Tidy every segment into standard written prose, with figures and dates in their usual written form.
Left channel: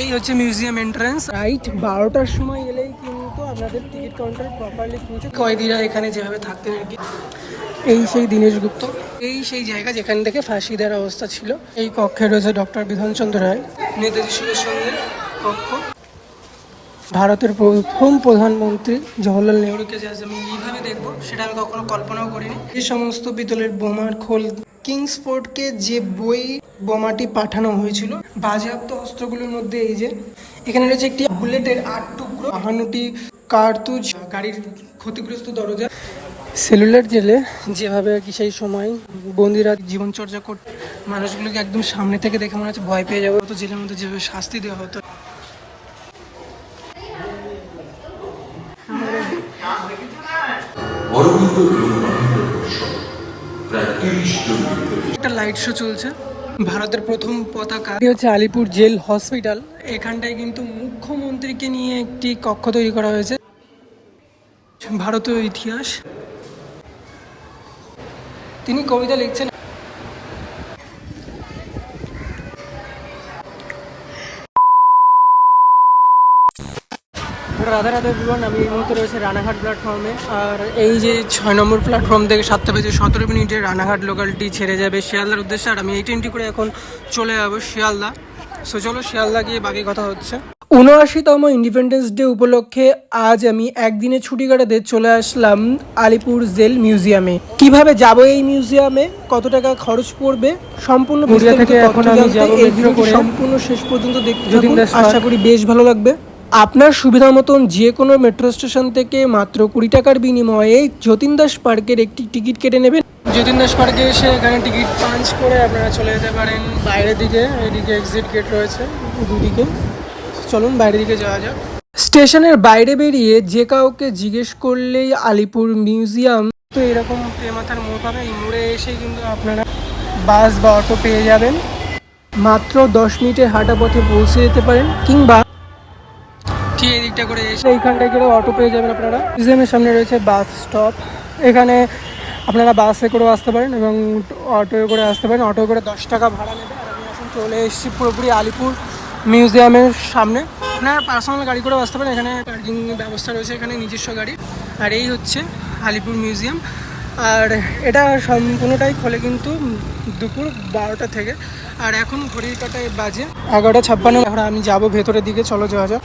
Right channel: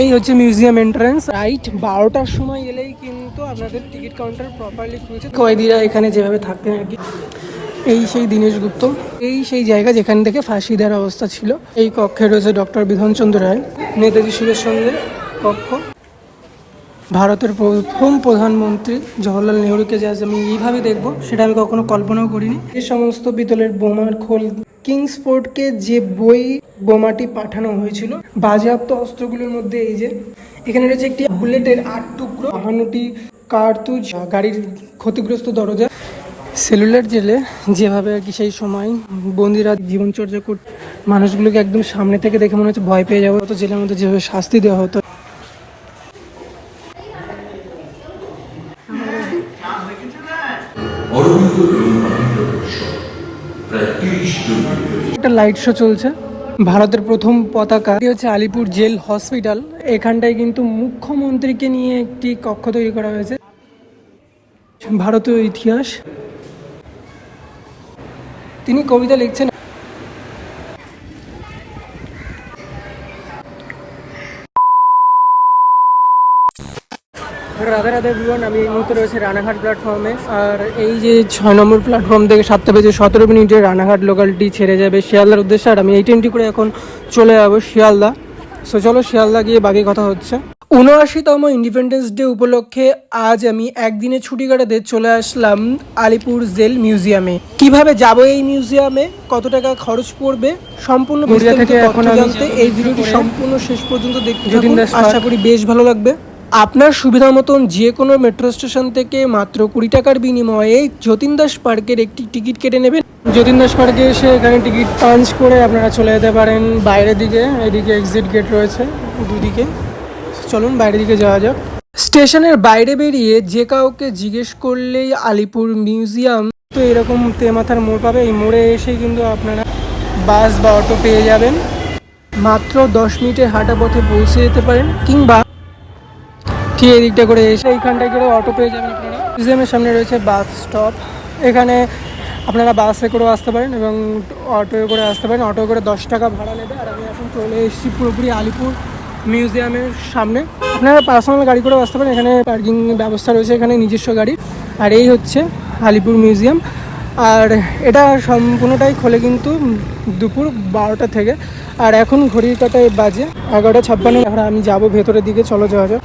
এই হচ্ছে museum entrance. Right 12টার সময় এলেই কিন্তু আপনাদের টিকিট কাউন্টার প্রপারলি খুলছে। কয়েদিরা এখানে যেভাবে থাকতেন আর কি, এই সেই দীনেশ গুপ্ত, এই সেই জায়গা যেখান থেকে ফাঁসি দেওয়ার অবস্থা ছিল। এই কক্ষে রয়েছে ডক্টর বিধানচন্দ্র রায়, নেতাজি সুভাষচন্দ্রের কক্ষ। ভারতের প্রথম প্রধানমন্ত্রী জওহরলাল নেহরুকে যে আজ আমি এইভাবে দেখবো সেটা আমি কখনো কল্পনাও করিনি। এই সমস্ত পিতলের বোমার খোল, কিংসফোর্ডকে যে বোমাটি পাঠানো হয়েছিল, বাজেয়াপ্ত অস্ত্রগুলোর মধ্যে এই যে এখানে রয়েছে একটি বুলেটের 8 টুকরো, 52টি কার্তুজ, গাড়ির ক্ষতিগ্রস্ত দরজা। সেলুলার জেলে যেভাবে আর কি সেই সময় বন্দিরা জীবনচর্যা করত, মানুষগুলোকে একদম সামনে থেকে দেখে মনে হচ্ছে ভয় পেয়ে যাওয়া হতো। জেলের মধ্যে যেভাবে শাস্তি দেওয়া হতো, একটা লাইট শো চলছে। ভারতের প্রথম পতাকা হচ্ছে আলিপুর জেল হসপিটাল। এখানটায় কিন্তু মুখ্যমন্ত্রীকে নিয়ে একটি কক্ষ তৈরি করা হয়েছে। ভারতীয় ইতিহাস, তিনি কবিতা লিখছেন। রাধা রাধা এভরিওয়ান, আমি এই মুহূর্তে রয়েছে রানাঘাট প্ল্যাটফর্মে। আর এই যে 6 নম্বর প্ল্যাটফর্ম থেকে 7টা বেজে 17 মিনিটে রানাঘাট লোকালটি ছেড়ে যাবে শিয়ালদার উদ্দেশ্যে। আর আমি এই ট্রেনটি করে এখন চলে যাবো শিয়ালদা। সো চলো শিয়ালদা গিয়ে বাকি কথা হচ্ছে। 79তম ইন্ডিপেন্ডেন্স ডে উপলক্ষে আজ আমি একদিনে ছুটি কাটাতে চলে আসলাম আলিপুর জেল মিউজিয়ামে। কিভাবে যাব এই মিউজিয়ামে, কত টাকা খরচ পড়বে, সম্পূর্ণ বিস্তারিত তথ্য জানতে এই ভিডিওটি সম্পূর্ণ শেষ পর্যন্ত দেখতে থাকুন। আশা করি বেশ ভালো লাগবে। আপনার সুবিধা মতন যে কোনো মেট্রো স্টেশন থেকে মাত্র 20 টাকার বিনিময়ে যতীন দাস পার্কের একটি টিকিট কেটে নেবেন। যতীন দাস পার্কে এসে এখানে টিকিট পাঞ্চ করে আপনারা চলে যেতে পারেন বাইরের দিকে। এদিকে এক্সিট গেট রয়েছে, চলুন বাইরের দিকে যাওয়া যাক। স্টেশনের বাইরে বেরিয়ে যে কাউকে জিজ্ঞেস করলেই আলিপুর মিউজিয়াম তো এরকম তেমাথার মোড় পাবে। এই মোড়ে এসে কিন্তু আপনারা বাস বা অটো পেয়ে যাবেন। মাত্র 10 মিনিটের হাঁটা পথে পৌঁছে যেতে পারেন, কিংবা ঠিক এই দিকটা করে এসে এইখানটায় করে অটো পেয়ে যাবেন আপনারা। মিউজিয়ামের সামনে রয়েছে বাস স্টপ, এখানে আপনারা বাসে করেও আসতে পারেন এবং অটো করে আসতে পারেন। অটো করে 10 টাকা ভাড়া নেবে। আর আমি এখন চলে এসেছি পুরোপুরি আলিপুর মিউজিয়ামের সামনে। আপনারা পার্সোনাল গাড়ি করেও আসতে পারেন, এখানে পার্কিং ব্যবস্থা রয়েছে, এখানে নিজস্ব গাড়ি। আর এই হচ্ছে আলিপুর মিউজিয়াম। আর এটা সম্পূর্ণটাই খোলে কিন্তু দুপুর 12টা থেকে। আর এখন ঘড়ির কাটায় বাজে 11:56। এখন আমি যাবো ভেতরের দিকে, চলো যাওয়া যাক।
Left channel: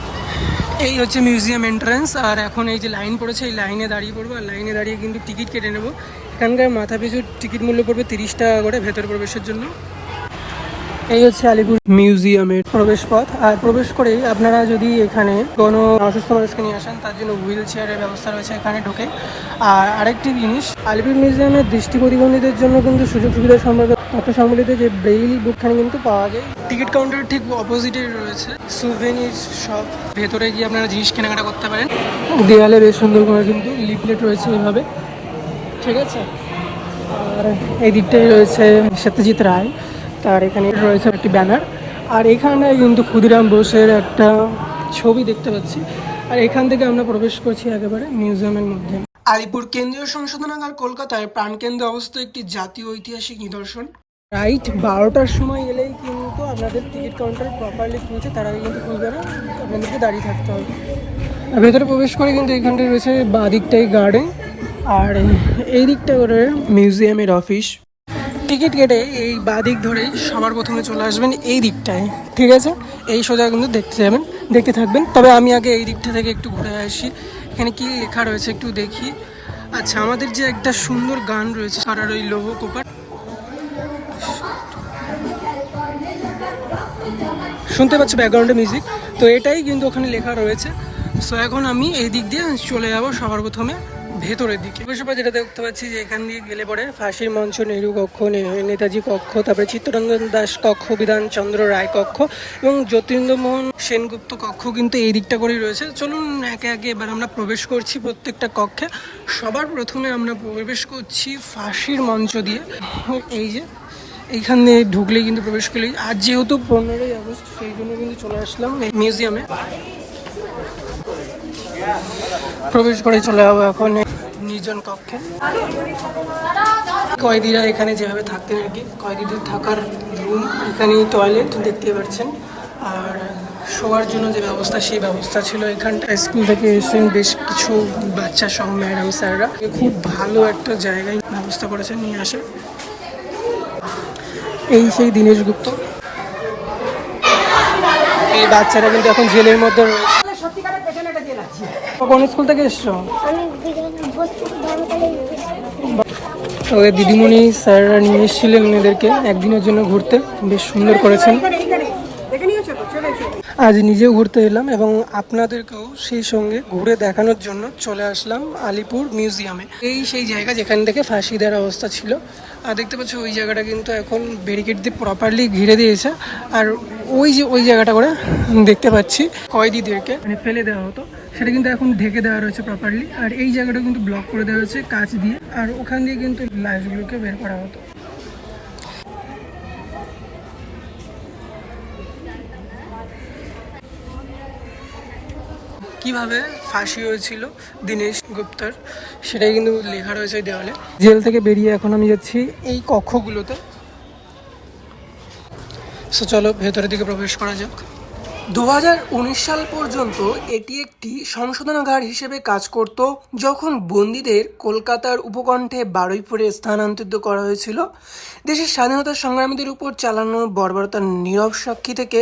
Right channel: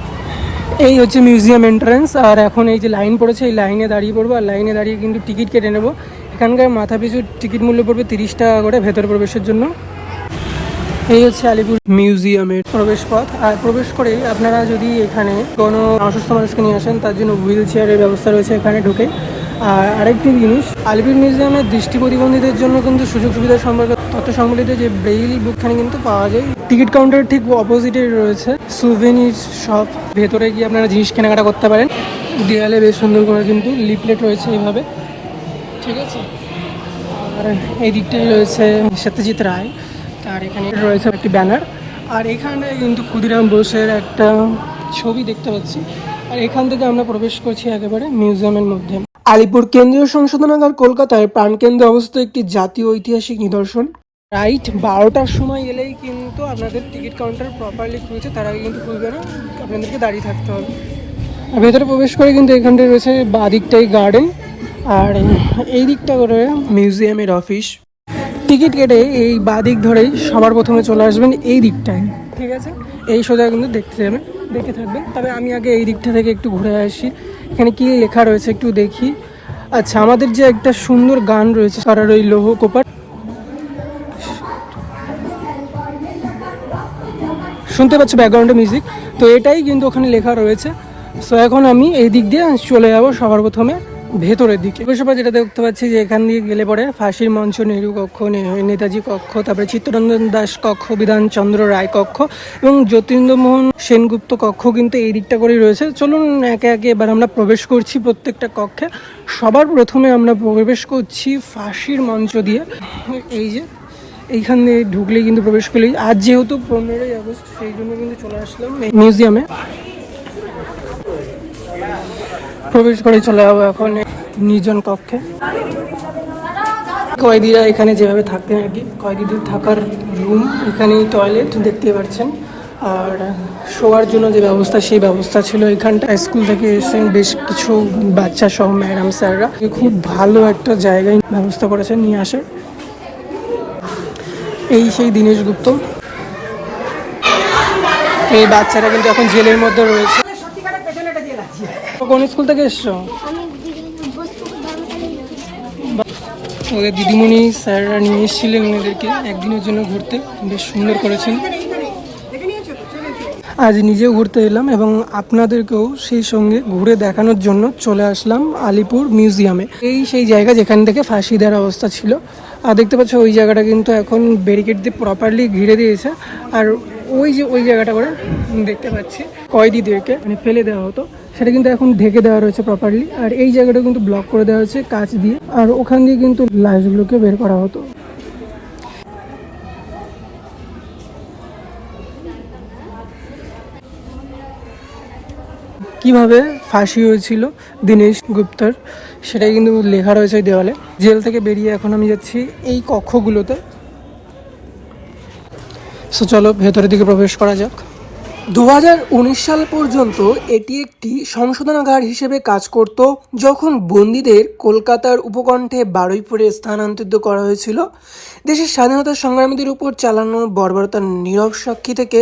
এই হচ্ছে মিউজিয়াম এন্ট্রান্স। আর এখন এই যে লাইন পড়েছে, এই লাইনে দাঁড়িয়ে পড়বো। আর লাইনে দাঁড়িয়ে কিন্তু টিকিট কেটে নেবো। এখানকার মাথা পিছু টিকিট মূল্য পড়বে 30 টাকা করে ভেতর প্রবেশের জন্য। এই হচ্ছে আলিপুর মিউজিয়ামের প্রবেশ পথ। আর প্রবেশ করেই আপনারা যদি এখানে কোনো অসুস্থ মানুষকে নিয়ে আসেন, তার জন্য হুইল চেয়ারের ব্যবস্থা রয়েছে এখানে ঢুকে। আর আরেকটি জিনিস, আলিপুর মিউজিয়ামের দৃষ্টি প্রতিবন্ধীদের জন্য কিন্তু সুযোগ সুবিধা সম্পর্কে তথ্য সংবলিত যে বেই বুকখানা কিন্তু পাওয়া যায়। টিকিট কাউন্টার ঠিক অপোজিটে রয়েছে সুভেনির শপ, ভেতরে গিয়ে আপনারা জিনিস কেনাকাটা করতে পারেন। দেয়ালে বেশ সুন্দর করে কিন্তু লিফলেট রয়েছে এইভাবে, ঠিক আছে। আর এই দিকটাই রয়েছে সত্যজিৎ রায়, তার এখানে রয়েছে একটি ব্যানার। আর এখানে কিন্তু ক্ষুদিরাম বোসের একটা ছবি দেখতে পাচ্ছি। আর এখান থেকে আমরা প্রবেশ করছি একেবারে মিউজিয়ামের মধ্যে। আলিপুর কেন্দ্রীয় সংশোধনাগার কলকাতায় প্রাণকেন্দ্রে অবস্থিত একটি জাতীয় ঐতিহাসিক নিদর্শন। রাইট 12টার সময় এলেই কিন্তু আপনাদের টিকিট কাউন্টার প্রপারলি খুলছে, তার আগে কিন্তু খুলবে না, আপনাদেরকে দাঁড়িয়ে থাকতে হবে। আর ভেতরে প্রবেশ করে কিন্তু এখানটায় রয়েছে বাঁ দিকটাই গার্ডেন, আর এই দিকটা করে মিউজিয়ামের অফিস। টিকিট কেটে এই বাঁ দিক ধরেই সবার প্রথমে চলে আসবেন এই দিকটায়, ঠিক আছে। এই সোজা কিন্তু দেখতে থাকবেন। তবে আমি আগে এই দিকটা থেকে একটু ঘুরে আসি, এখানে কি লেখা রয়েছে একটু দেখি। আচ্ছা, আমাদের যে একটা সুন্দর গান রয়েছে সারার ওই লৌহ কোপার, শুনতে পাচ্ছি ব্যাকগ্রাউন্ডে মিউজিক, তো এটাই কিন্তু ওখানে লেখা রয়েছে। সো এখন আমি এই দিক দিয়ে চলে যাবো সবার প্রথমে ভেতরের দিকে। এবার যেটা দেখতে পাচ্ছি যে এখান দিয়ে গেলে পরে ফাঁসির মঞ্চ, নেহরু কক্ষ, নেতাজি কক্ষ, তারপরে চিত্তরঞ্জন দাস কক্ষ, বিধানচন্দ্র রায় কক্ষ এবং যতীন্দ্রমোহন সেনগুপ্ত কক্ষ কিন্তু এই দিকটা করেই রয়েছে। চলুন একে একে এবার আমরা প্রবেশ করছি প্রত্যেকটা কক্ষে। সবার প্রথমে আমরা প্রবেশ করছি ফাঁসির মঞ্চ দিয়ে। এই যে এইখানে ঢুকলে কিন্তু প্রবেশ করলেই, আজ যেহেতু 15ই আগস্ট সেই জন্য কিন্তু চলে আসলাম এই মিউজিয়ামে। প্রবেশ করে চলে যাবো এখন নির্জন কক্ষে। কয়েদিরা এখানে যেভাবে থাকতেন আর কি, কয়েদিদের থাকার রুম, এখানেই টয়লেট দেখতে পাচ্ছেন। আর শোয়ার জন্য যে ব্যবস্থা সেই ব্যবস্থা ছিল এখানটা। স্কুল থেকে এসেছেন বেশ কিছু বাচ্চা সহ ম্যাডাম স্যাররা, খুব ভালো একটা জায়গায় ব্যবস্থা করেছেন নিয়ে আসে। এই সেই দীনেশ গুপ্ত, এই বাচ্চারা কিন্তু এখন জেলের মধ্যে রয়েছে। কোন স্কুল থেকে এসছো? ওদের দিদিমণি স্যাররা নিয়ে এসেছিলেন মেয়েদেরকে একদিনের জন্য ঘুরতে, বেশ সুন্দর করেছেন। আজ নিজেও ঘুরতে এলাম এবং আপনাদেরকেও সেই সঙ্গে ঘুরে দেখানোর জন্য চলে আসলাম আলিপুর মিউজিয়ামে। এই সেই জায়গা যেখান থেকে ফাঁসি দেওয়ার অবস্থা ছিল। আর দেখতে পাচ্ছ ওই জায়গাটা কিন্তু এখন ব্যারিকেড দিয়ে প্রপারলি ঘিরে দিয়েছে। আর ওই জায়গাটা করে দেখতে পাচ্ছি কয়েদিদেরকে মানে ফেলে দেওয়া হতো, সেটা কিন্তু এখন ঢেকে দেওয়া রয়েছে প্রপারলি। আর এই জায়গাটা কিন্তু ব্লক করে দেওয়া হয়েছে কাঁচ দিয়ে, আর ওখান দিয়ে কিন্তু লাশগুলোকে বের করা হতো। কিভাবে ফাঁসি হয়েছিল দীনেশ গুপ্তার সেটা কিন্তু লেখা রয়েছে দেওয়ালে। জেল থেকে বেরিয়ে এখন আমি যাচ্ছি এই কক্ষগুলোতে। সো চলো ভেতরের দিকে প্রবেশ করা যাক। 2019 সাল পর্যন্ত এটি একটি সংশোধনাগার হিসেবে কাজ করত, যখন বন্দীদের কলকাতার উপকণ্ঠে বারুইপুরে স্থানান্তরিত করা হয়েছিল। দেশের স্বাধীনতা সংগ্রামীদের উপর চালানো বর্বরতার নীরব সাক্ষী থেকে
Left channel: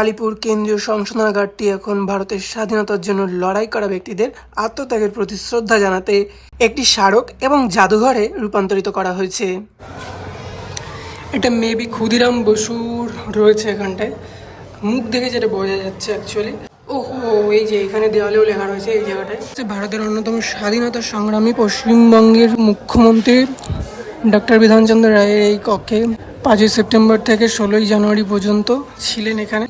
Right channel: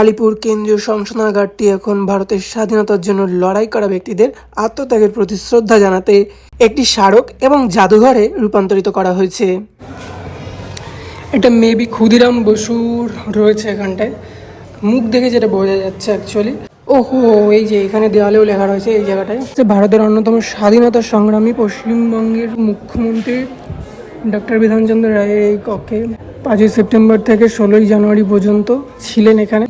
আলিপুর কেন্দ্রীয় সংশোধনাগারটি এখন ভারতের স্বাধীনতার জন্য লড়াই করা ব্যক্তিদের আত্মত্যাগের প্রতি শ্রদ্ধা জানাতে একটি স্মারক এবং জাদুঘরে রূপান্তরিত করা হয়েছে। এটা মেবি ক্ষুদিরাম বসুর রয়েছে এখানটায়, মুখ দেখে যেটা বোঝা যাচ্ছে অ্যাকচুয়ালি। ওহো, এই যে এখানে দেওয়ালেও লেখা রয়েছে এই জায়গাটায়। ভারতের অন্যতম স্বাধীনতা সংগ্রামী পশ্চিমবঙ্গের মুখ্যমন্ত্রী ডক্টর বিধানচন্দ্র রায়ের এই কক্ষে 5ই সেপ্টেম্বর থেকে 16ই জানুয়ারি পর্যন্ত ছিলেন এখানে।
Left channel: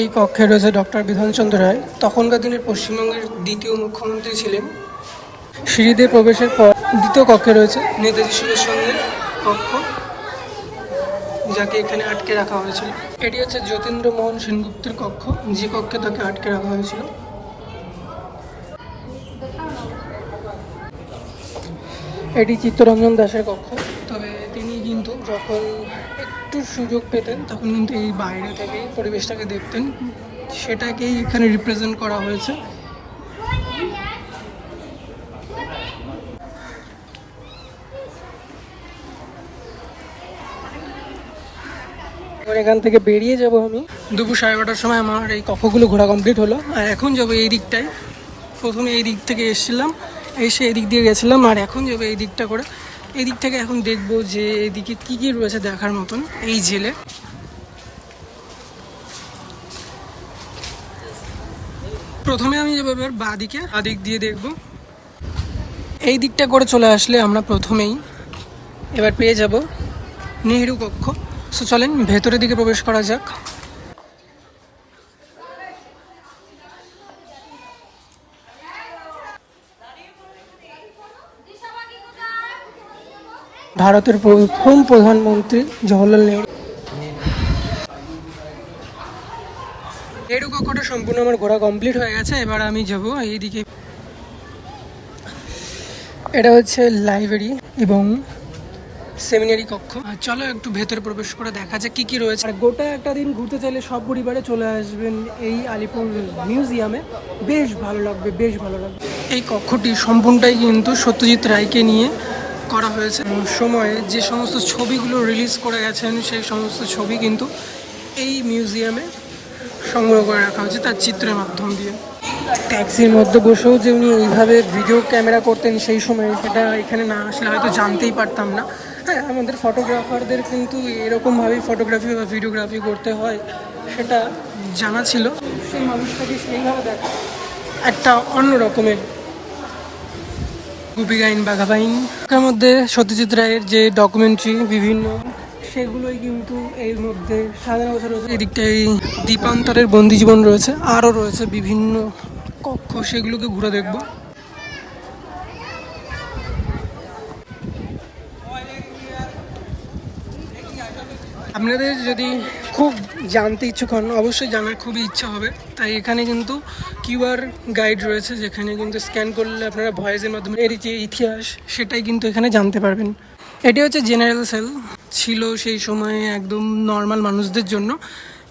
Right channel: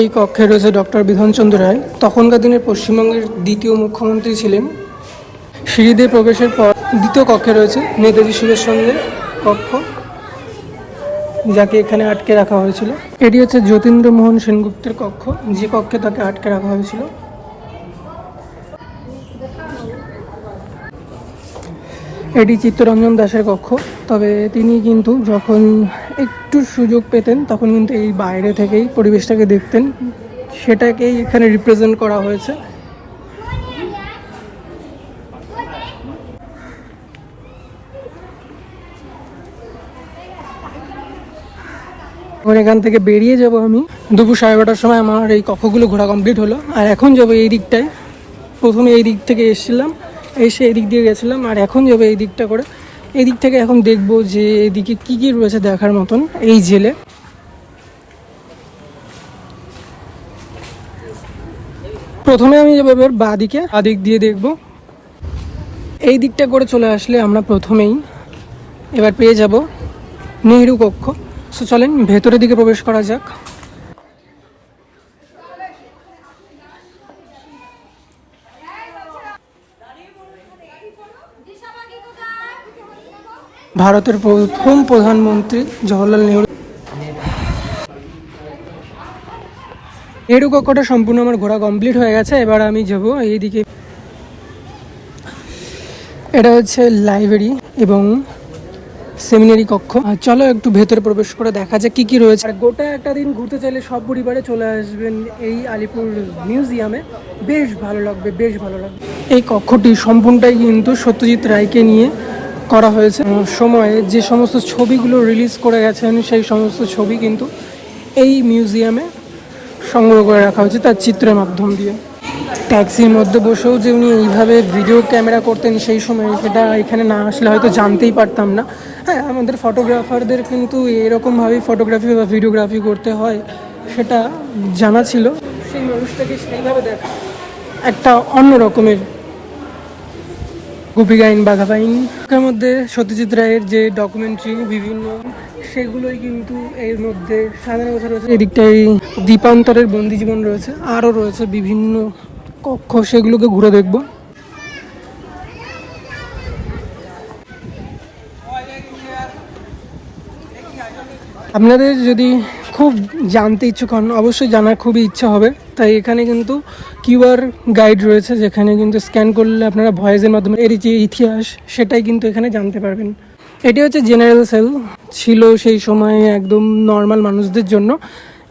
এই কক্ষে রয়েছে ডক্টর বিধানচন্দ্র রায়, তখনকার দিনের পশ্চিমবঙ্গের দ্বিতীয় মুখ্যমন্ত্রী ছিলেন। সিঁড়ি দিয়ে প্রবেশের পর দ্বিতীয় কক্ষে রয়েছে নেতাজি সুভাষচন্দ্রের কক্ষ, যাকে এখানে আটকে রাখা হয়েছিল। এটি হচ্ছে যতীন্দ্র মোহন সেনগুপ্তের কক্ষ, যে কক্ষে তাকে আটকে রাখা হয়েছিল। এটি চিত্তরঞ্জন দাসের কক্ষ, তবে তিনি কিন্তু যখন একটু সুযোগ পেতেন তখন কিন্তু এই বাইরে থেকেই পরিবেশটাকে দেখতেন, সেটাকেই এখানে রিপ্রেজেন্ট করা হয়েছে। এখান থেকে বেরিয়ে যাব আমি দুপুর 12:30টার সময়। আমার এই কক্ষগুলো ঘোরা কমপ্লিট হলো, আর এখন যাবো এই দিকটায়। প্রথমে এই দিক থেকে এসেছিলাম, এসে এই দিক দিয়ে গেছিলাম, আর এখন যাবো এই দিকটা করে। এই দিক থেকে এখন দেখবো যে এদিকে কি কি রয়েছে দেখার মতন এই জেলে। প্রথমে আমি যাবো এবার বাঁ দিকে, দিক দিয়ে দেখবো। এই দিকটা করে চলে আসলে আমরা প্রথমেই এবার পেয়ে যাব নেহেরু কক্ষ। সো চলেন ভেতরের দিকে প্রবেশ করা যাক। ভারতের প্রথম প্রধানমন্ত্রী জওহরলাল নেহেরু। নেহেরু কক্ষটা সম্পূর্ণ আমার ঘোরা কমপ্লিট হয়ে গেছে। এবার আমি যাব এইদিকে। এটা হচ্ছে লাইব্রেরি এবং সেমিনারি কক্ষ। চলো একটু ভেতরে প্রবেশ করে দেখা যায় কি কি রয়েছে। আর গোটা একটা দিন ঘুরতে চাইলে সব পরিবারে চলে আসবেন এই আলিপুর মিউজিয়ামে, বেশ ভালো লাগবে, বেশ ভালো লাগবে। এই কক্ষটি সম্পূর্ণটাই কিন্তু সত্যজিৎ রায়কে নিয়ে করা হয়েছে। সময়ে যে সমস্ত ছবিগুলো রিলিজ করে গেছেন সেই সমস্ত ছবি কিন্তু এই মিউজিয়ামে সংগ্রহ করে রাখা হয়েছে তার চিত্রের মাধ্যম দিয়ে। ট্যাক্সির মধ্যে বসেও যে উনি ওইভাবে ভিডিও ক্যামেরা করতেন সেই সময়, সেটা এখানে না আসলে হয়তো জানতেই পারতাম না। হ্যাঁ, আমাদের ফটোগ্রাফারদের কিন্তু এরকমভাবে ফটোগ্রাফি বা ভিডিওগ্রাফি করতে হয় সেটা জানা ছিল। সেই মানুষটাকে সেইভাবে দেখা একটা অন্য রকমের। গোপীগাইন বাঘাবাইন এর মধ্যে সত্যজিৎ রায়ের যে ডকুমেন্টারি বিভিন্ন, সেগুলোই কিন্তু এর মধ্যে সাজানো গোছানো রয়েছে। এদিকটায় দ্বীপান্তরের বন্দি জীবন রয়েছে, আরও রয়েছে বিভিন্ন কক্ষ, সেগুলোকে ঘুরে দেখব। আপনাদের যদি খুব জানতে ইচ্ছুক হন, অবশ্যই জানার খুবই ইচ্ছা হবে, তাই এখানে কিন্তু কিউআর গাইড রয়েছে, যেখানে কিন্তু স্ক্যান করলে আপনারা ভয়েসের মাধ্যমে এর যে ইতিহাস সেটাই কিন্তু এখানে জানতে পারবেন। এটি হচ্ছে জেনারেল সেল, ছিল সেই সময় একদম নর্মাল মানুষদের জন্য।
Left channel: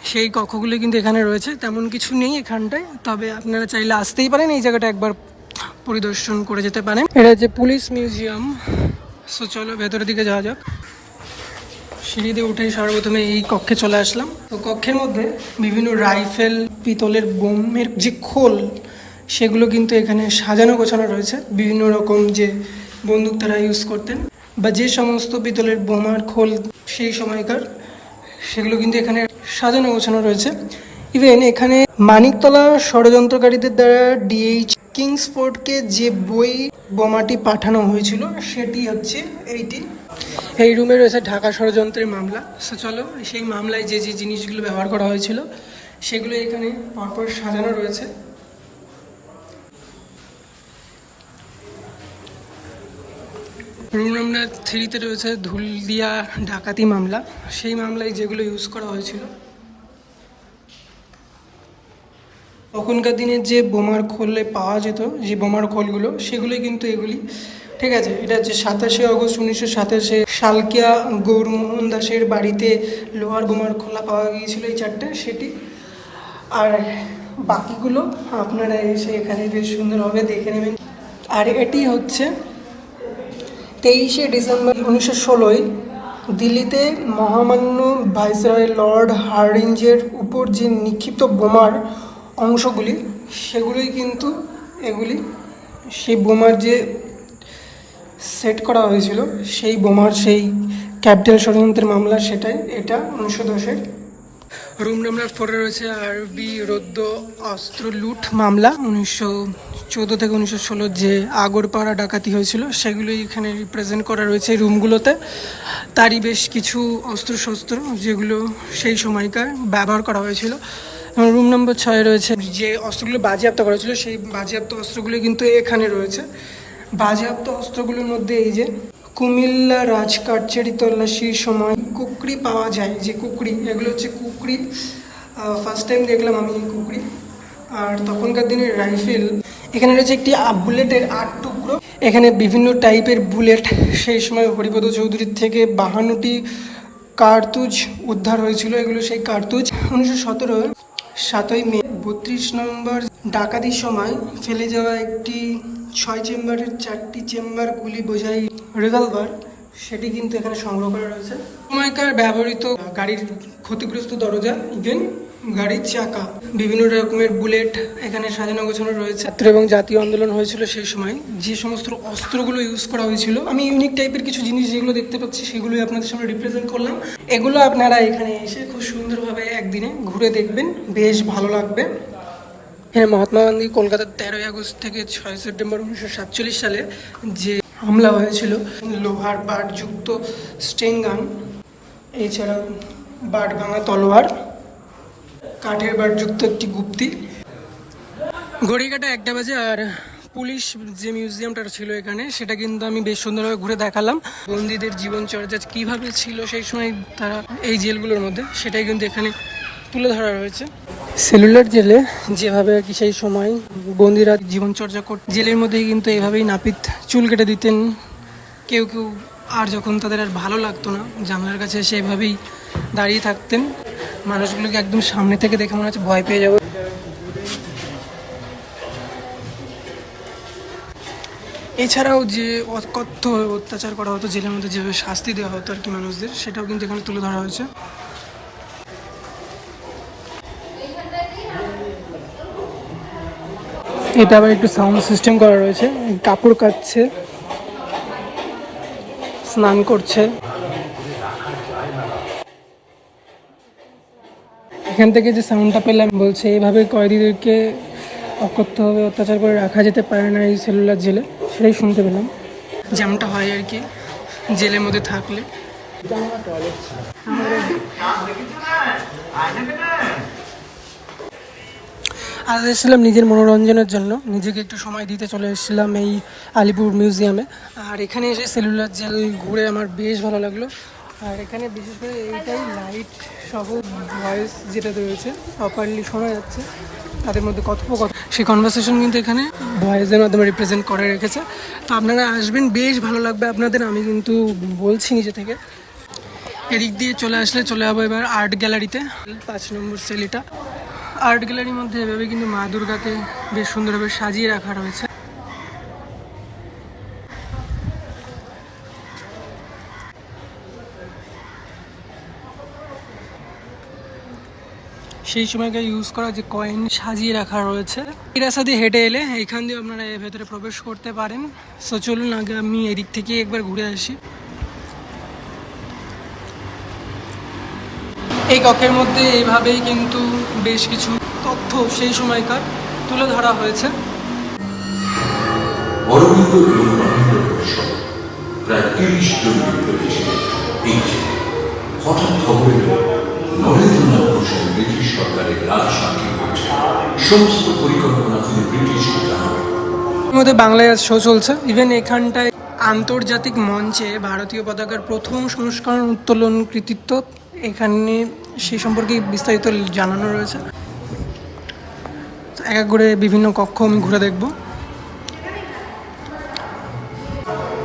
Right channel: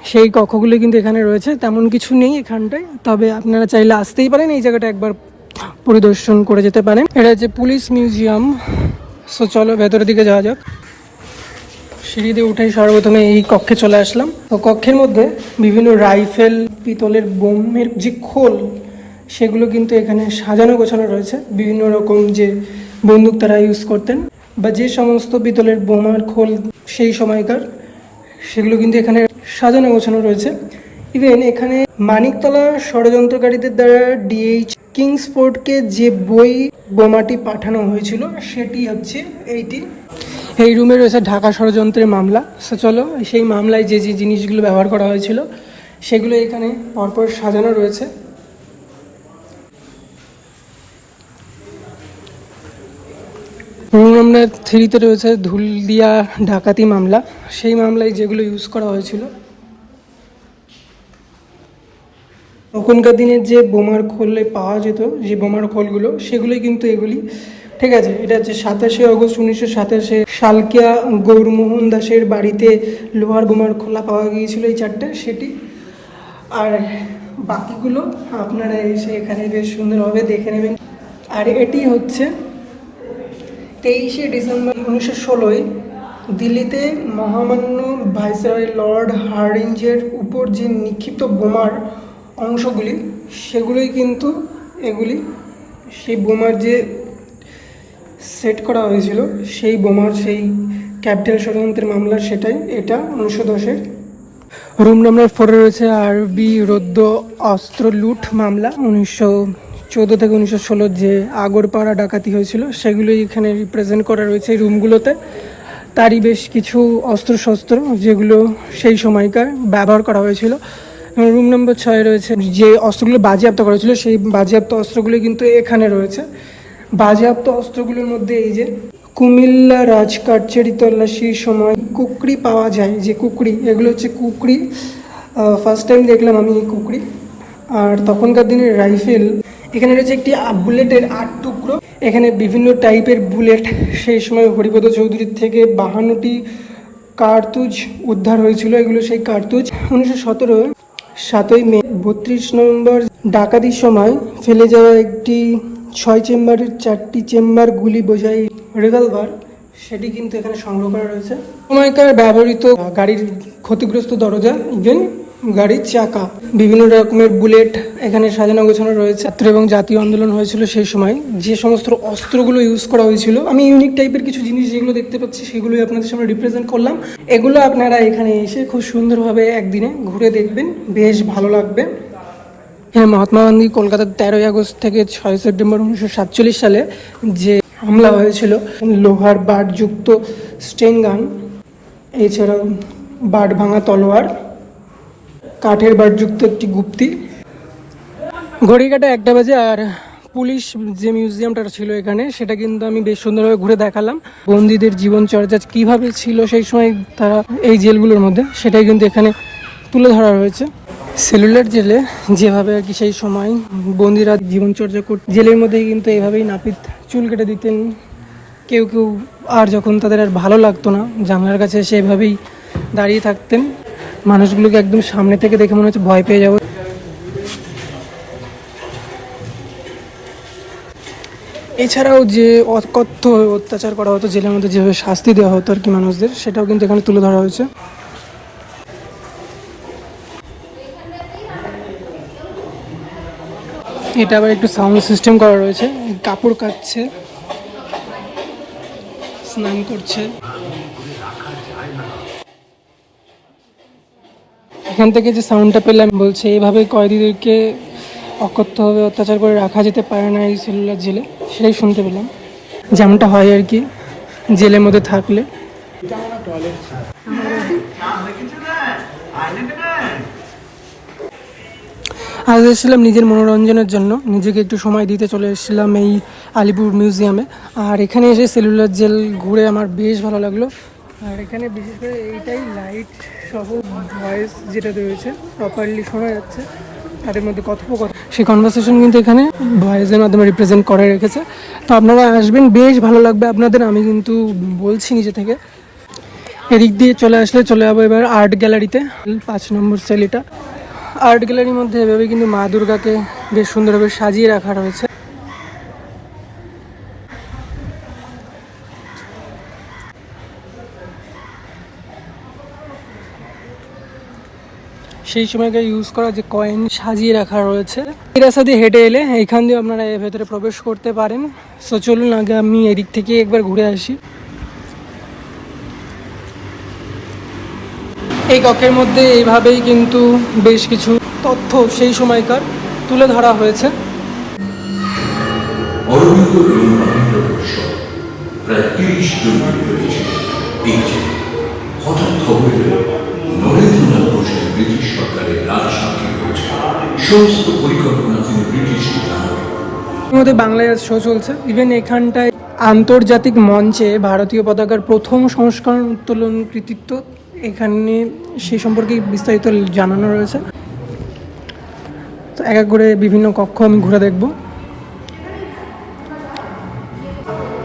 সেই কক্ষগুলো কিন্তু এখানে রয়েছে, তেমন কিছু নেই এখানটায়, তবে আপনারা চাইলে আসতেই পারেন, এই জায়গাটা একবার পরিদর্শন করে যেতে পারেন। এটা হচ্ছে পুলিশ মিউজিয়াম। সো চলো ভেতরের দিকে যাওয়া যাক। সিঁড়ি দিয়ে উঠেই সর্বপ্রথমে এই কক্ষে চলে আসলাম। তো কক্ষের মধ্যে বিভিন্ন রাইফেল, পিতলের বোমের যে খোল, সেগুলো কিন্তু এখানে সাজানো গোছানো রয়েছে। বিভিন্ন রকম যে বন্দুক তারা ইউজ করতেন, বা যে সমস্ত পিতলের বোমার খোল সেই সময়কার, সেগুলো কিন্তু এখানে সাজানো গোছানো রয়েছে। ইভেন এখানে মানিকতলা ষড়যন্ত্রকারীদের দ্বারা ডিএইচ কিংসফোর্ডকে যে বোমাটি পাঠানো হয়েছিল সেটি হচ্ছে এইটি। এই রুমে রয়েছে ঢাকা ষড়যন্ত্রের মামলা। সো চলো সেই মামলায় যে যে জিনিসগুলো ব্যবহার করা হয়েছিল সেগুলো এখানে পরপর সাজানো রয়েছে। রুম নাম্বার 3-তে রয়েছে ধুলদিয়া ডাকাতি মামলা, সেই মামলায় যেগুলো ইউজ করা হয়েছিল। তখনকার দিনের যে বোমার খোলে পাওয়া যেত, যে বোমার খোলগুলো, সেগুলোই কিন্তু এগুলি। ঠিক আছে, এটা হচ্ছে 27শে অগস্ট 1927 শালকিয়া গৌরমোহন দাসের বাড়িতে লোহার বোমার খোলা পাওয়া গিয়েছিল, এই 4টে সেটি। আর বাকিগুলো আপনারা এসে এখানে বেশ সুন্দরভাবে দেখে নেবেন। আর এটি হচ্ছে 23শে ডিসেম্বর 1916 দিল্লিতে মহামান্য ভাইসরয় লর্ড হার্ডিঞ্জের উপর যে নিক্ষিপ্ত বোমার অংশগুলি, সেগুলোই কিন্তু এগুলি। সেই বোমার যে সেট করা হয়েছিল, সেই বোমার সেই ক্যাপিটাল ষড়যন্ত্রের মামলা, সেটাই এটা 1910-এর। রুম নাম্বার 4-এ রয়েছে আরবি রৌদ্র অস্ত্র লুট মামলা 1914 থেকে 1916 যে আগরপাড়া ডাকাতি হয়েছিল, সেগুলোই এখানে রিপ্রেজেন্ট করা রয়েছে এই রুমগুলোতে। তারই বেশ কিছু অস্ত্রশস্ত্র যেগুলো সেই সময়কার ব্যবহার করা হয়েছিল। রুম নম্বর 6-এ রয়েছে যে অস্ত্রগুলো বাজেয়াপ্ত করেছিল, সেই বাজেয়াপ্ত অস্ত্রগুলো কিন্তু এখানে রয়েছে। বাজেয়াপ্ত অস্ত্রগুলোর মধ্যে এই যে কুমিল্লা রাজকাটচেরি তল্লাশির সময় কুকরি পাওয়া যায়, যে কুকরি, এগুলো হচ্ছে কুকরি। ফার্স্ট টাইম দেখলাম আমি কুকরি। আর তখনকার দিনের রাইফেল, এখানে রয়েছে একটি বুলেটের 8 টুকরো। এখানে বিভিন্ন টাইপের বুলেট সেই সময় হরিপদ চৌধুরীর থেকে 52টি কার্তুজ উদ্ধার হয়েছিল। এগুলো সেই কার্তুজ। 1917 7ই মে 32 নভেম্বর ডাকাতির সময় ফেলে যাওয়া একটি 6 চেম্বারের 4টি চেম্বার গুলি বোঝাই রিভলভার, সেটি কিন্তু এখানে সংগ্রহ করা রয়েছে। সময়কার ব্যবহৃত গাড়ির ক্ষতিগ্রস্ত দরজা, ইভেন গাড়ির চাকা, বিভিন্ন রকমের বুলেট এখানে সাজানো গোছানো রয়েছে। এবং জাতীয় আন্দোলন হয়েছিল সেই সময় যে সমস্ত অস্ত্রগুলো ইউজ করা হয়েছিল, আমি ইউনিক টাইপের কিছু জিনিস যেগুলো দেখতে পাচ্ছি সেগুলোই আপনাদের সামনে রিপ্রেজেন্ট করলাম। এগুলো আপনারা এখানে এসে খুব সুন্দরভাবে একদিনে ঘুরে দেখবেন, বেশ ভালো লাগবে। হ্যাঁ, মহাত্মা গান্ধী কলকাতার 13ই আগস্ট থেকে 6 সেপ্টেম্বর 1947 সালে যে হামলা হয়েছিল, লোহার বাটযুক্ত স্টেন গান, এছাড়া বাট ভাঙা তলোয়ার, কাঠের বাটযুক্ত একটি গুপ্তি। ঘড়িকাটা 1টা বাজে। আর পুলিশ যে মিউজিয়ামটা ছিল এখানে, সেটা কিন্তু আমি বেশ সুন্দরভাবে ঘুরে দেখালাম। বন্দীদের জীবনচর্যা কীভাবে ছিল সেই সময় তারা এই জেলগুলোর মধ্যে, সেটাই কিন্তু এখানে তুলে ধরা হয়েছে। সেলুলার জেলে যেভাবে আর কি সেই সময় বন্দিরা জীবনচর্যা করত, জেলের মধ্যেই কিন্তু এইভাবেই নাপিত চুল কেটে দিতেন। কেউ কেউ আর যখন তাদের আর ভালো লাগতো না, জানলার কাছে সেভাবেই দাঁড়িয়ে থাকতেন। মানুষগুলোকে একদম সামনে থেকে দেখে মনে হচ্ছে ভয় পেয়ে যাবো। এছাড়াও যে অকথ্য অত্যাচার করা হতো জেলের মধ্যে, যেভাবে শাস্তি দেওয়া হতো আর কি মানুষদের, সেটাও কিন্তু এখানে তুলে ধরা হয়েছে। এটা আবার একটু সাউন্ড সিস্টেম করা রয়েছে। কাপড় কাচছে, স্নান করছে। এখান থেকে যে সাউন্ডটা পেলাম, বলছে এইভাবে কয়েদিদেরকে অকথ্যভাবে অত্যাচার করে রাখা যেতে পারে না এই সেলুলার জেলে, সেটাই শুনতে পেলাম। যেমনটা হয় আর কি জেলের মধ্যে থাকলে। আজ এসেছিলাম নিজের মনোরঞ্জনের জন্য, নিজেকে একটু সময় দিতে চলে এসেছিলাম এই আলিপুর মিউজিয়ামে। আর এখানে এসে সেলুলার জেল ঘুরে আমার বেশ ভালো লাগলো। আর এখানে বিশেষ করে এইটাই লাইট সহ ভয়েস যেটা রয়েছে প্রপারলি শোনা যাচ্ছে। তাদের মধ্যে কথোপকথন, সেই কনভারসেশন কিন্তু এখানে ভয়েসের মাধ্যমে রিপ্রেজেন্ট করে রেখেছে। তো আপনারা আসবেন, বেশ ভালো লাগবে আপনাদের, আমি কিন্তু বলছি নিজে থেকে। এদিক দিয়ে চলে আসলে চলে যাবো এবার আর্ট গ্যালারিতে, 5 নম্বর সেল এটা। আর্ট গ্যালারির মধ্যে এভাবে কিন্তু মা দুর্গাকে বেশ সুন্দরভাবে সাজিয়ে রাখা রয়েছে। সেই সময়কার ইউজ করা যে কয়েন সাজিয়ে রাখা রয়েছে। এই রাস্তা দিয়ে হেঁটে এলে এইখান দিয়ে আপনারা এর ভেতরে প্রবেশ করতে পারেন। সো চলুন আগে আমি এদিক থেকে একবার ঘুরে আসি। এই কক্ষের মধ্যে এইভাবেই কিন্তু বেশ কিছু তথ্য সেই সময়কার তুলে ধরা হয়েছে। প্রায় 30 জন রয়েছিলেন এই যে হঠাৎ খবর এলো নরেন্দ্রনাথ বসু ব্রিটিশ সরকারের রাজসাক্ষী হয়েছে। সমস্ত পরিকল্পনা তিনি ব্রিটিশকে জানাবেন। এর মধ্যে বাংলায় শো চলছে। ইভেন এখানটায় আন্তর্জাতিক মঞ্চে ভারতীয় পতাকার প্রথম সংস্করণ উত্তোলন কৃতিত্ব, এখানে সেই সম্পর্কে বিস্তারিত জানানো রয়েছে। তো এক এক করে বিভিন্ন কক্ষ আমি ঘুরে দেখব।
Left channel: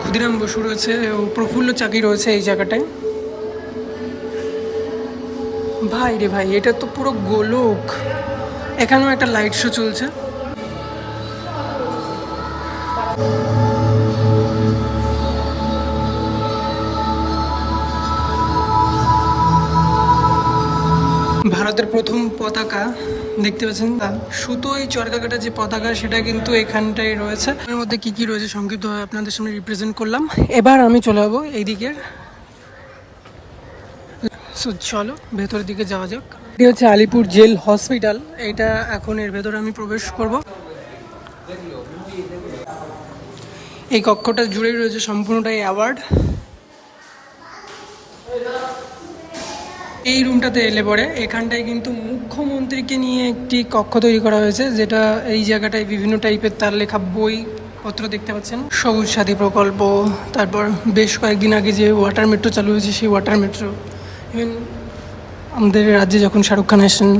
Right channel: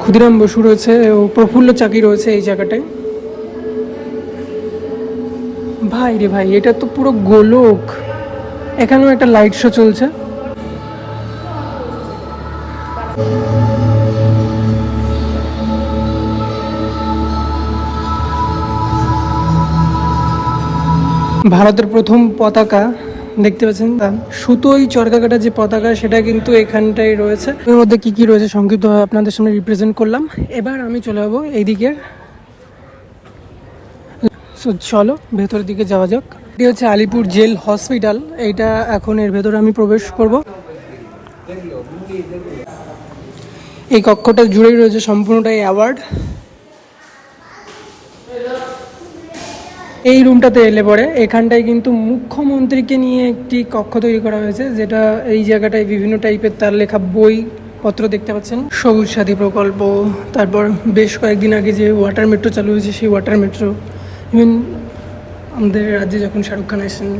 ক্ষুদিরাম বসু রয়েছে ও প্রফুল্ল চাকি রয়েছে এই জায়গাটায়। ভাই রে ভাই, এটা তো পুরো গোলক। এখানেও একটা লাইট শো চলছে। ভারতের প্রথম পতাকা দেখতে পাচ্ছেন, সুতোই চরকাকাটা যে পতাকা, সেটা কিন্তু এখানটাই রয়েছে। এর মধ্যে কি কি রয়েছে সংক্ষিপ্ত আপনাদের সামনে রিপ্রেজেন্ট করলাম। এবার আমি চলে যাবো এইদিকে। চলো ভেতরের দিকে যাওয়া যাক। এটা হচ্ছে আলিপুর জেল হসপিটাল। এইটা এখন এর ভেতরে আমি প্রবেশ করব। এই কক্ষটা জুড়েই রয়েছে সম্পূর্ণটাই অ্যাওয়ার্ড। এই রুমটাতে এলে পরে এখানটায় কিন্তু মুখ্যমন্ত্রীকে নিয়ে একটি কক্ষ তৈরি করা হয়েছে, যেটা এই জায়গাটায় বিভিন্ন টাইপের তার লেখা বই পত্র দেখতে পাচ্ছেন। সবুজ সাথী প্রকল্প, তারপর বেশ কয়েকদিন আগে যে ওয়াটার মেট্রো চালু হয়েছে সেই ওয়াটার মেট্রো, ইভেন আমাদের রাজ্যে যখন শাহরুখ খান আসেন,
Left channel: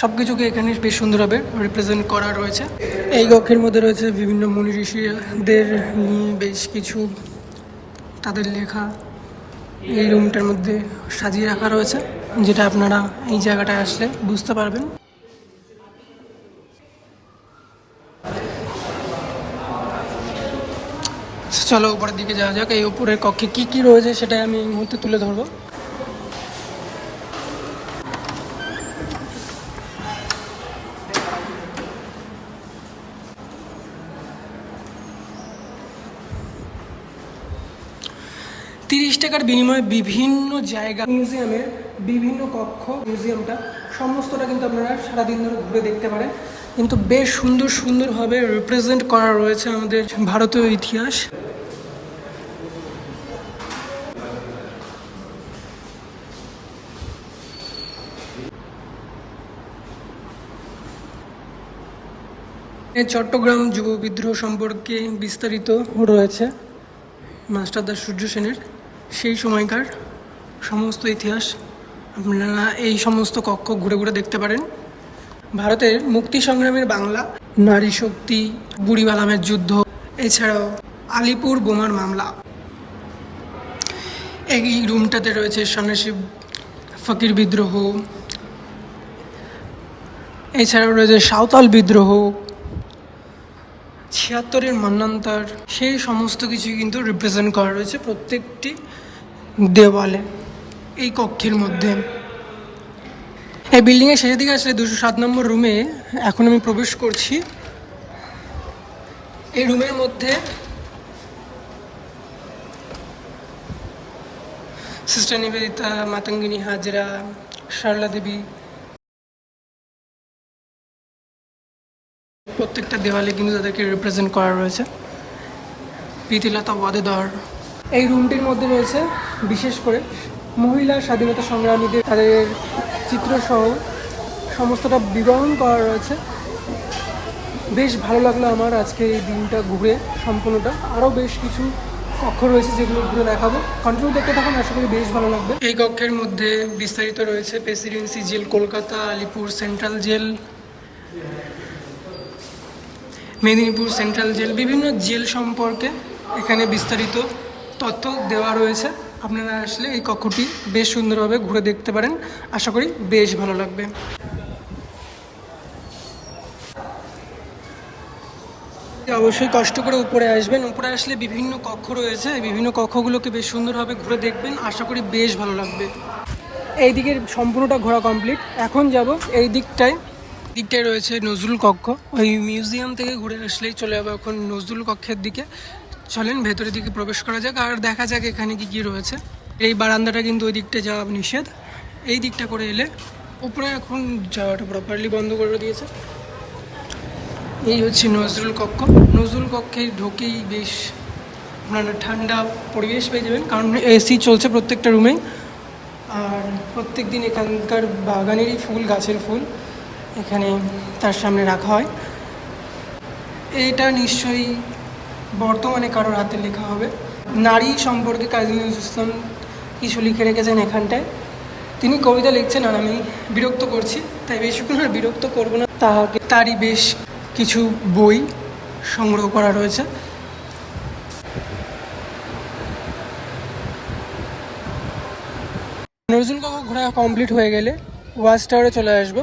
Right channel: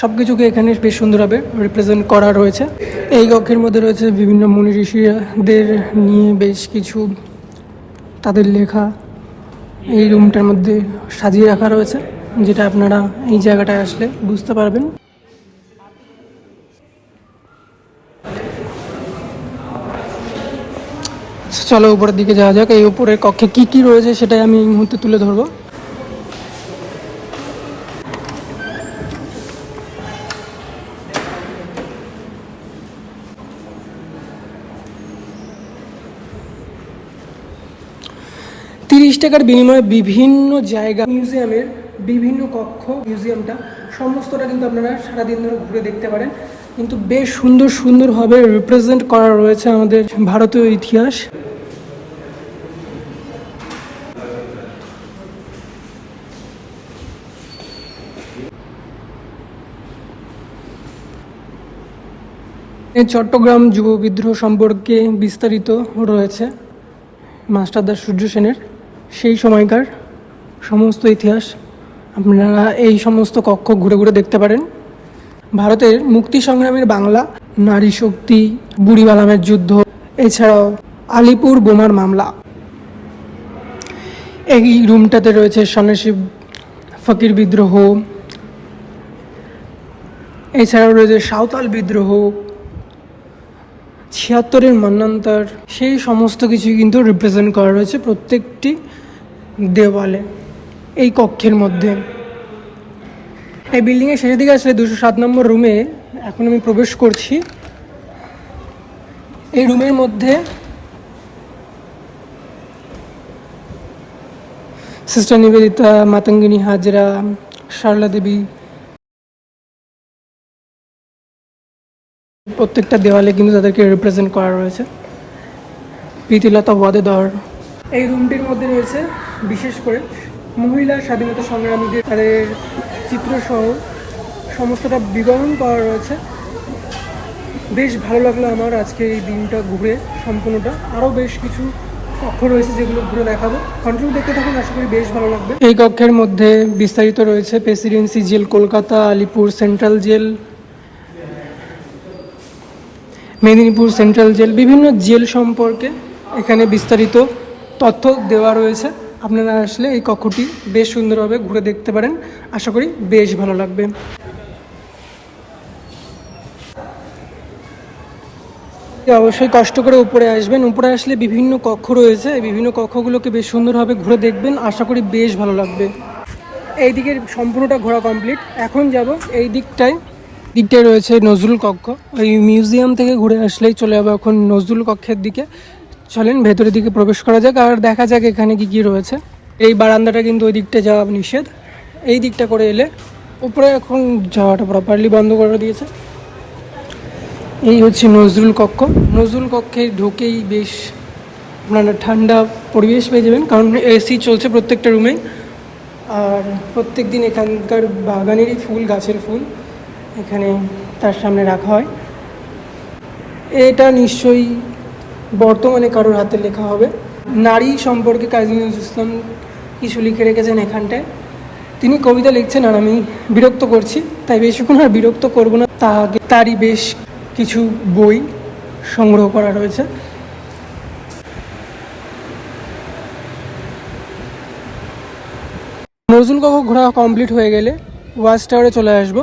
সব কিছুকে এখানে বেশ সুন্দরভাবে রিপ্রেজেন্ট করা রয়েছে। এই কক্ষের মধ্যে রয়েছে বিভিন্ন মুনি ঋষিদের নিয়ে বেশ কিছু তাদের লেখা এই রুমটার মধ্যে সাজিয়ে রাখা রয়েছে, যেটা আপনারা এই জায়গাটায় আসলে বুঝতে পারবেন। চলো উপরের দিকে যাওয়া যাক। এই উপরের কক্ষে কি কি রয়েছে সেটাই আমি এই মুহূর্তে তুলে ধরবো। টাকার বিনিময়ে বিভিন্ন জায়গা, মিউজিয়ামের বিভিন্ন কক্ষ, মিউজিয়ামটা সমস্তটা কিন্তু আপনারা সারাদিন ধরে ঘুরে দেখতে পারেন। কিন্তু বেশ সুন্দর সুন্দরভাবে রিপ্রেজেন্ট করা রয়েছে আমাদের ভারতীয় ইতিহাস। এই চট্টগ্রাম যুব বিদ্রোহ সম্পর্কে বিস্তারিত রয়েছে মাস্টারদা সূর্য সেনের সেই সময়কার সমস্ত ইতিহাস আপনারা এই সমস্ত কক্ষ ঘুরে ঘুরে দেখতে পারেন। ভারতের মুক্তি সংগ্রামের বাংলা, নারী শক্তি, বুড়িবালামের যুদ্ধ, এছাড়াও আলিপুর বোমার মামলা। এই রুমটাতে রয়েছে সন্ন্যাসী ফকির বিদ্রোহ, এছাড়াও রয়েছে সাঁওতাল বিদ্রোহ, ৭৬-এর মন্বন্তর, সেই সমস্ত কিছুই কিন্তু রিপ্রেজেন্ট করা রয়েছে প্রত্যেকটি দেওয়ালে এই কক্ষের মধ্যে। এই বিল্ডিংয়ের শেষের দিকে আসলে 207 নম্বর রুমে এখন আমি প্রবেশ করছি। এই রুমের মধ্যে সিস্টার নিবেদিতা, মাতঙ্গিনী হাজরা, সারলা দেবী, প্রত্যেকটা দেওয়ালে কিন্তু তাদেরকে রিপ্রেজেন্ট করা রয়েছে। প্রীতিলতা ওয়াদেদার। এই রুমটির মধ্যে রয়েছে বিশেষ করে মহিলা স্বাধীনতা সংগ্রামীদের তাদের চিত্রসহ সমস্তটা বিবরণ করা রয়েছে। বেশ ভালো লাগলো আমার আজকে এই দিনটা ঘুরে সম্পূর্ণটা। আরও বেশ কিছু কক্ষ রয়েছে যেগুলো ঘুরে দেখাবো। কন্টিনিউ দেখতে থাকুন, আশা করি বেশ ভালো লাগবে। এই কক্ষের মধ্যে বিস্তারিত রয়েছে presidency jail Kolkata, Alipur central jail, Medinipur central jail, বিভিন্ন জেল সম্পর্কে এখানে বিস্তারিত তথ্য দেওয়া রয়েছে। আপনারা আসলে এই কক্ষটি বেশ সুন্দরভাবে ঘুরে দেখতে পারেন, আশা করি বেশ ভালো লাগবে। অবশ্যই কষ্ট করে উপরে আসবেন, উপরে আসলে বিভিন্ন কক্ষ রয়েছে, এই বিভিন্ন কক্ষগুলোকে বেশ সুন্দরভাবে ঘুরে দেখবেন, আশা করি বেশ ভালো লাগবে। এই দিকের সম্পূর্ণটা ঘোরা কমপ্লিট, এখন যাব এই দিকটায় রয়েছে নজরুল কক্ষ। ওই মিউজিয়াম থেকে ঘুরে আসলেই চলে যাবো এখন নজরুল কক্ষের দিকে। চলেন ভেতরের দিকে প্রবেশ করা যাক আর দেখা যাক এখানে কি কি রয়েছে। এই বারান্দাটা কিন্তু ওই দিকটা যাওয়া নিষেধ, এই দিকটা করে এলে উপরে এখন যাওয়াটা প্রপারলি বন্ধ করে দিয়েছে। এই হচ্ছে নজরুল কক্ষ। নজরুল কক্ষে ঢুকেই বেশ আপনারা ঠান্ডা পরিবেশ পেয়ে যাবেন, কারণ এসি চলছে প্রত্যেকটা রুমে। আর প্রত্যেক দিন এখানকার বাগানেরই ফুল, গাছের ফুল এখানে তার সামনে রাখা হয়। এটা নিশ্চয়ই বর্তমানে কারোর হাতে লেখা হবে। নারী সম্পর্কে কাজী নজরুল ইসলাম কিছু লিখে রেখেছেন এখানটায়। তিনি কবিতা লিখছেন আর আমি বিরক্ত করছি, তাই বেশিক্ষণ আর বিরক্ত করবো না। তারই বেশ কিছু বই সংগ্রহ করা রয়েছে। নজরুল কক্ষ ঘোরা কমপ্লিট হয়ে গেলে ওয়াচ টাওয়ারে চলে আসবো।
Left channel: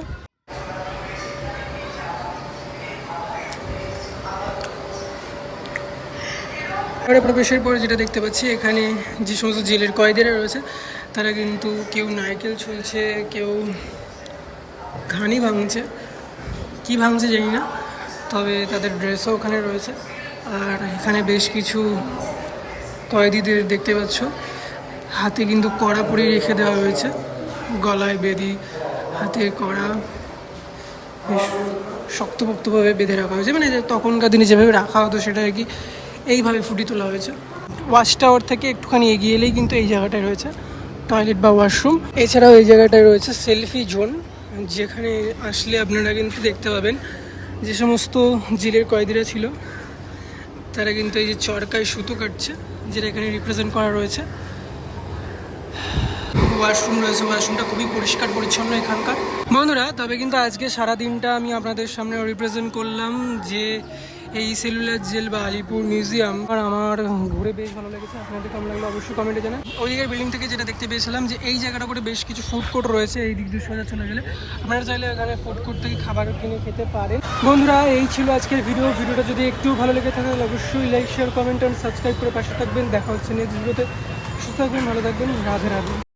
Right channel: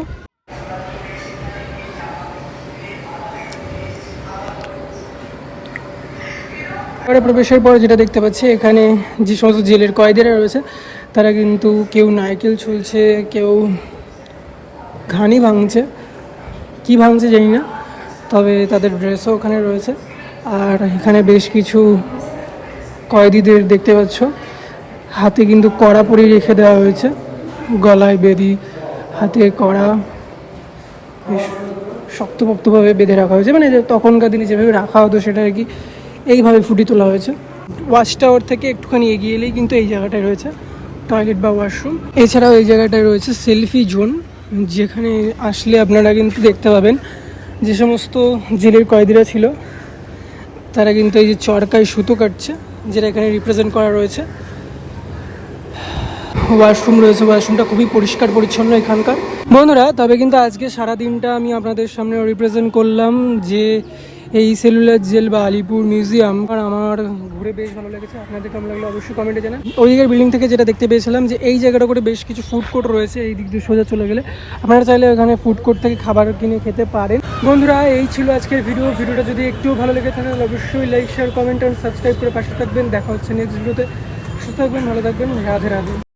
প্রবেশের পর যেটা দেখতে পাচ্ছি, এখানে যে সমস্ত জেলের কয়েদিরা রয়েছে তারা কিন্তু কেউ নারকেল ছুঁলছে, কেউ ঘানি ভাঙছে, কি ভাঙছে জানি না, তবে তাদের ড্রেসও ওখানে রয়েছে। আর এখানে বেশ কিছু কয়েদিদের দেখতে পাচ্ছ হাতে কিন্তু কড়া পরিয়ে রেখে দেওয়া হয়েছে, গলায় বেদি, হাতে কড়া বেশ শক্তপোক্তভাবে বেঁধে রাখা হয়েছে, মানে তখনকার দিনে যেভাবে রাখা হতো সেটা আর কি এইভাবে ফুটিয়ে তোলা হয়েছে। ওয়াচ টাওয়ার থেকে একটুখানি এগিয়ে এলেই কিন্তু এই জায়গাটায় রয়েছে টয়লেট বা ওয়াশরুম। এছাড়াও এই জায়গাটায় রয়েছে সেলফি জোন, যেখানে আসলে আপনারা কিন্তু দেখতে পাবেন যে সমস্ত জেলের কয়েদিরা ছিল তারা কিন্তু এই যে চরকায় সুতো কাটছে, যেটা এখানে রিপ্রেজেন্ট করা রয়েছে। ওয়াশরুম রয়েছে, ওয়াশরুমটা খুবই পরিষ্কার পরিচ্ছন্ন এখানকার। বন্ধুরা, তবে কিন্তু আজকে সারা দিনটা আমি আপনাদের সামনে রিপ্রেজেন্ট করলাম যে এই সেলুলার জেল বা আলিপুর মিউজিয়াম। আর আমার ঘুরে বেশ ভালো লেগেছে, আপনাদের কেমন লাগলো অবশ্যই কমেন্টে জানান। ওই দিকের বিল্ডিং থেকে যেটা দেখতে পেয়েছিলাম যে এই জায়গাটা করে বেশ কিছু ফুড কোর্ট রয়েছে, এই দিক দিয়ে সোজা চলে গেলে আপনারা চাইলে এখানে ফুড কোর্ট থেকে খাবার কিনে খেতে পারেন। বন্ধুরা, এই ছিল আজকের ভিডিওটা যদি একটু ভালো লেগে থাকে তাহলে অবশ্যই like, share, comment and subscribe করে পাশে থাকবেন। দেখা হচ্ছে নেক্সট ভিডিওতে। সুস্থ থাকবেন, ভালো থাকবেন, রাধে রাধে।